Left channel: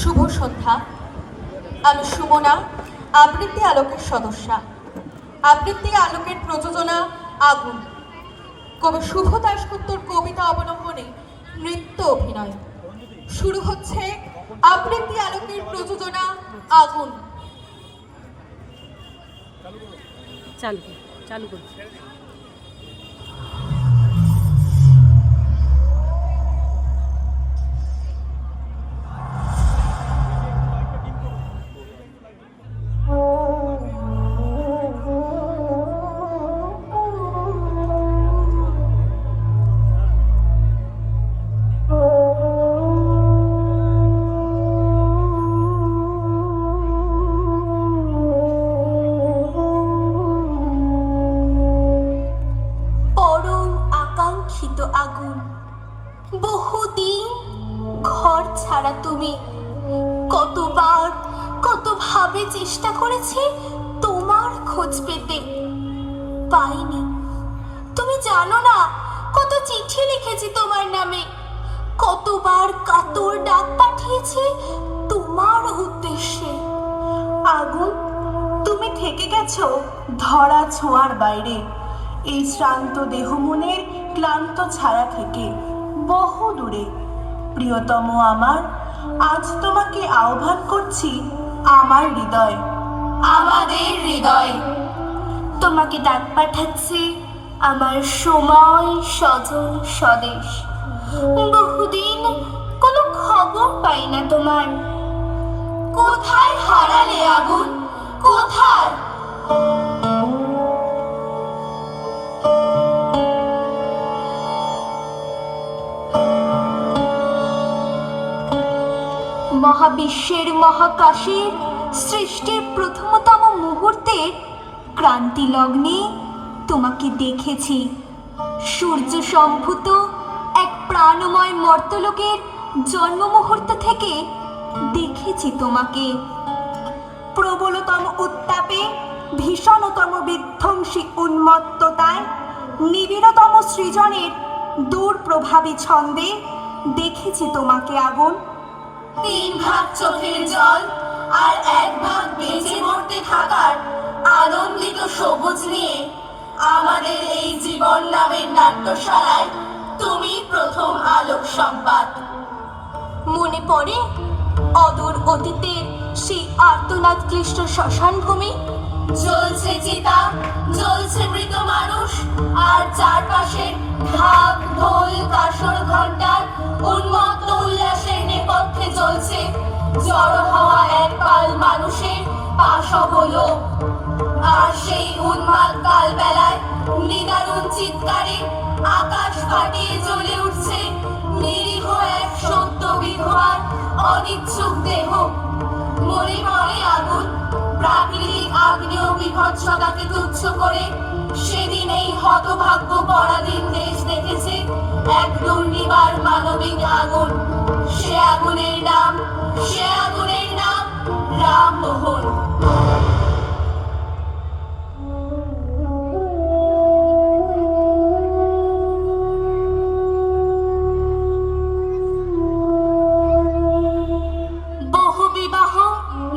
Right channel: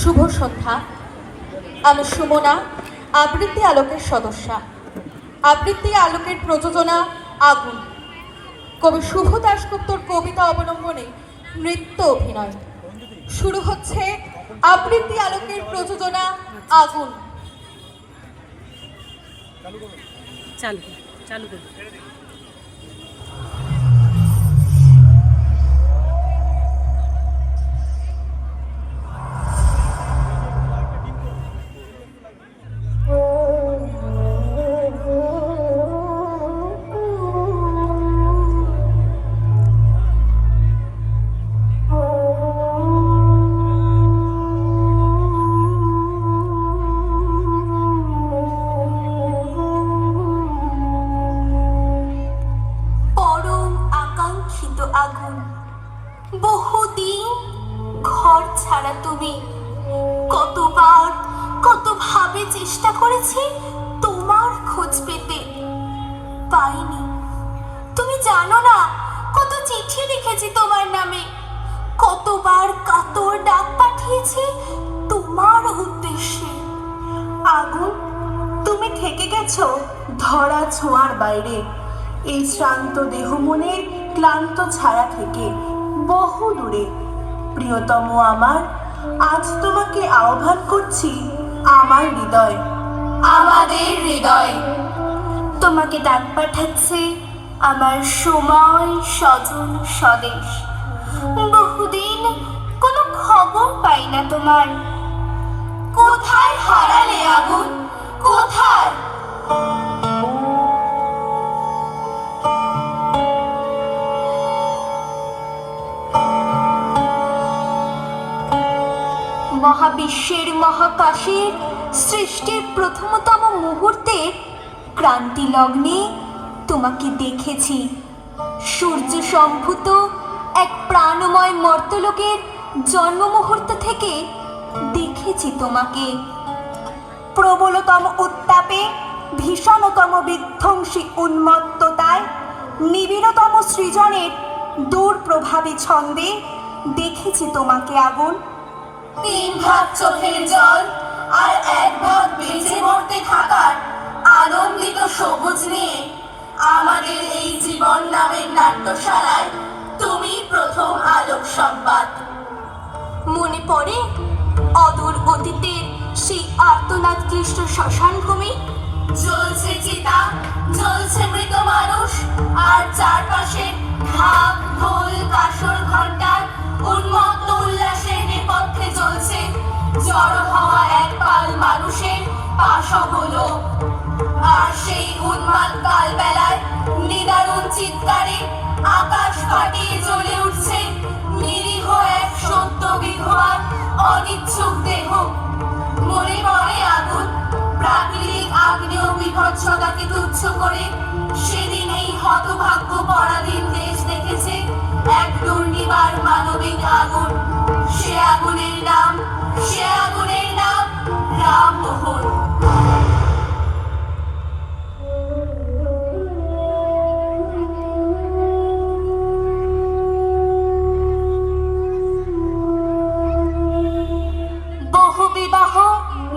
শুভ সন্ধ্যা। আমি সুমনা, আবৃত্তি আলোকের সদস্যা। আবৃত্তি আলোকের প্রযোজনা আগুন। কবি শুভ দাশগুপ্তর কবিতা অবলম্বনে নৃত্য অভিনয়। শুরু হচ্ছে আবৃত্তি আলোকের প্রযোজনা আগুন। চালু চালু কর খোঁজ পেতে পাইনি। তুমি জানো না, কত চিঠি লিখেছি তোমার নামে। কতবার কাতর ডাক পাঠিয়েছি তোমার উদ্দেশ্যে। আগুন, তুমি থেকে গেছো ধরা ছোঁয়ার বাইরে। এই শ্রান্ত দেহ মনের ক্লান্ত ছায়া থেকে বহু দূরে। প্রিয়তম আমার, আজ তোমাকে আহ্বান করছি আমার হৃদয়। আমাদের হৃদয়। তোমাকে ডাক পাঠাচ্ছে আমার সময় স্বজন স্বদেশ। বহুদিন কোনো খবর পাই না তোমার। কোথায় হারালে আগুন? কোথায়? মহাবিশ্বের মহাকাশের সৃষ্টির প্রথমতম মুহূর্তে ক্রান্তি লগ্নে তোমাকে দেখেছি। সূর্য সম্ভূত এক প্রাণময় মর্তলোকের জন্ম মুহূর্ত থেকে দেখেছি তোমাকে। প্রবলতম উত্তাপে, ভীষণতম বিধ্বংসী উন্মত্ততায়, নিবিড়তম সৃজনের দূর প্রভাবী ছন্দে দেখেছি তোমাকে আগুন। তিন ভাগ চোখের জল আর এক ভাগ বেঁচে মরতে থাকার আনন্দিত সবুজ নিয়ে আমাদের এই জীবন নামের নাট্যশালায় তুমি প্রথম আলোক সংবাদ। মনে পড়ে অদূর অতীতের সেই আর্তনাদ ক্লিষ্ট শ্মশান ভূমি জ্বলছে চিতা, জ্বলছে মৃত মানুষ, আর চারপাশে ঢাক ঢোল, কাসর ঘণ্টার মনে মনে আগুন প্রাকৃতিক আগ্নেয় বিভৎসতাকে তুচ্ছ করে। সেদিন এই হতভাগ্য পরাধীন দেশ দেখেছে এক দুর্নিবার মানবিক আগুন।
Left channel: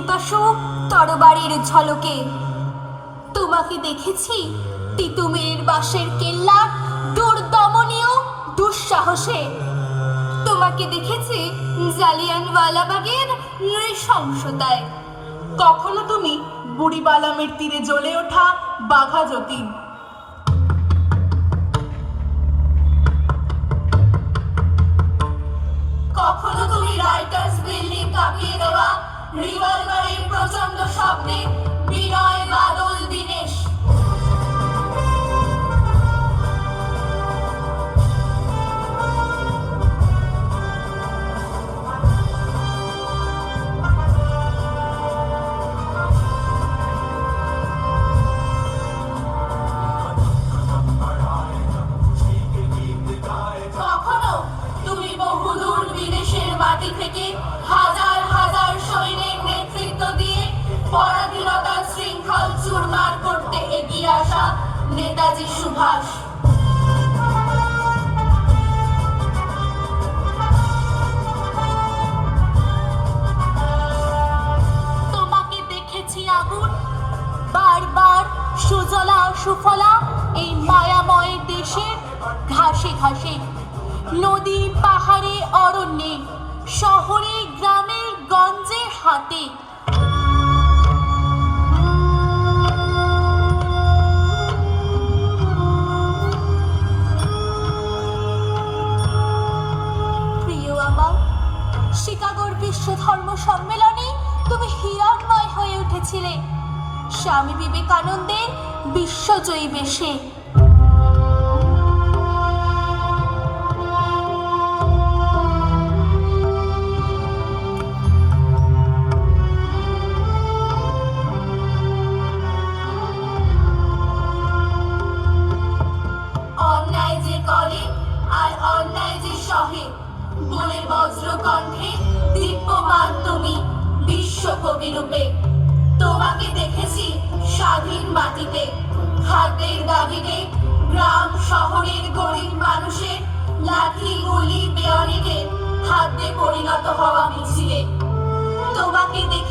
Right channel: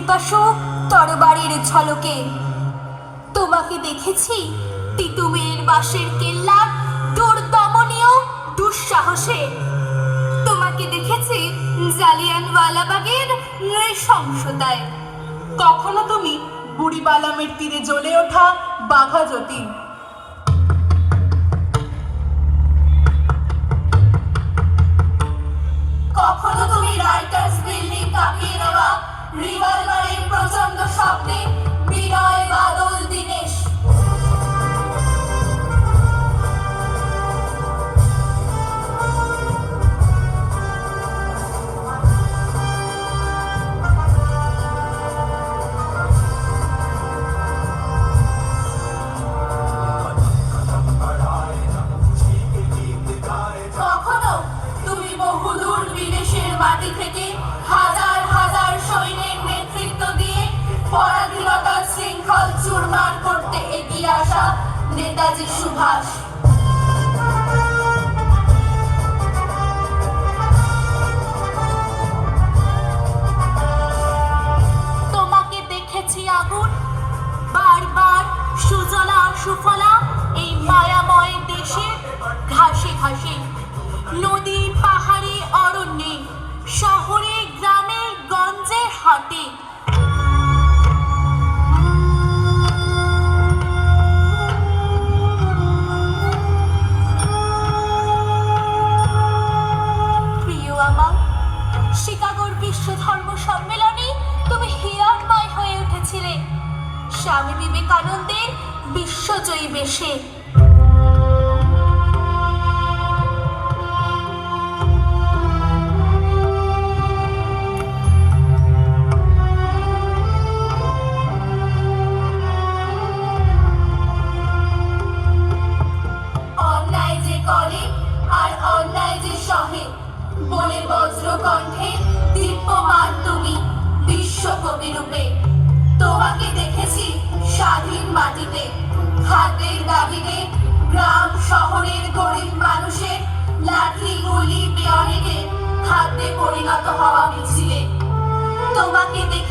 পিপাসু তরবারের ঝলকে। তোমাকে দেখেছি, তিতুমির বাঁশের কেল্লা দুর্দমনীয়, দুঃসাহসে। তোমাকে দেখেছি জালিয়ানওয়ালাবাগের নৃশংসতায়। কখনো তুমি বুড়িবালামের তীরে জ্বলে ওঠা বাঘা যতীন। শহরে গ্রামে গঞ্জে হাতে সম্মেলনে তুমি হয়ে উঠেছিলে। স্বামী বিবেকানন্দের বিশ্বজয়ী বেশে।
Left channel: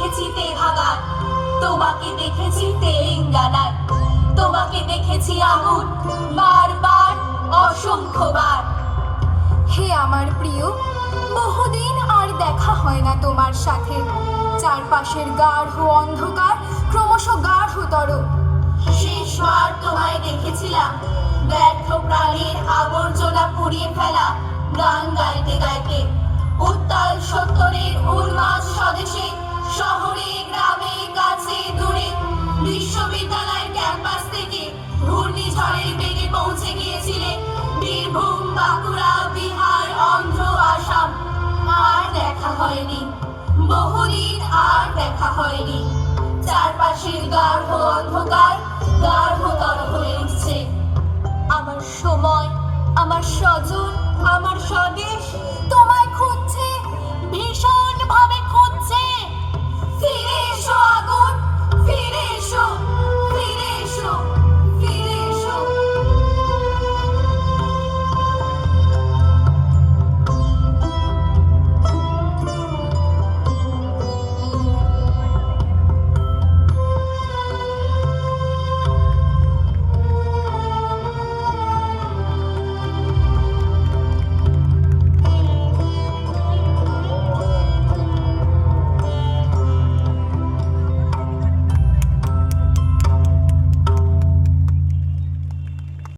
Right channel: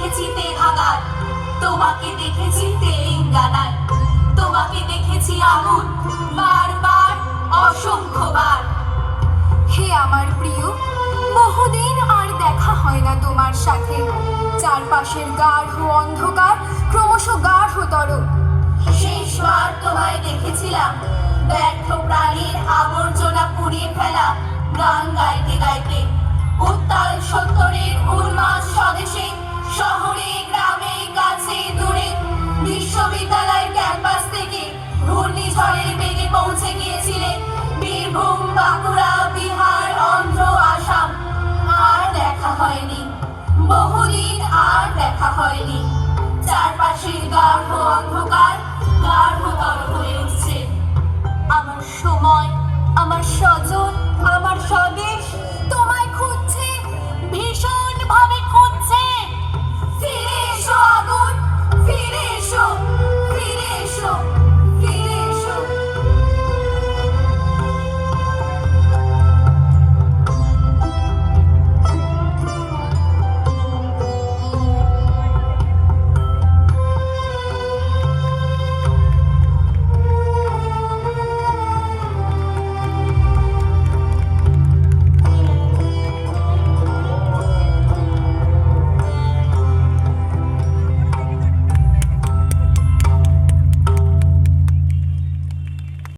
দেখেছি তেভাগায় তোমাকে দেখেছি তেলেঙ্গানায় তোমাকে দেখেছি আগুন বারবার অসংখ্যবার। হে আমার প্রিয়, বহুদিন আর দেখা হয় না তোমার সাথে। চারপাশের গাঢ় অন্ধকার, ক্রমশ গাঢ়তর। শেষবার তোমায় দেখেছিলাম। ব্যর্থ প্রাণীর আবর্জনা পুড়িয়ে ফেলা। শহরে, গ্রামে, কাছে, দূরে, বিশ্ববিদ্যালয়ের ক্যাম্পাস থেকে ঘূর্ণিঝড়ের বেগে পৌঁছে গিয়েছিলে। বীরভূম, বাঁকুড়া, বিহার, অন্ধ্র, আসাম। আর দেখা হয়নি। বহুদিন আর দেখা হয়নি। চারপাশের গাঢ়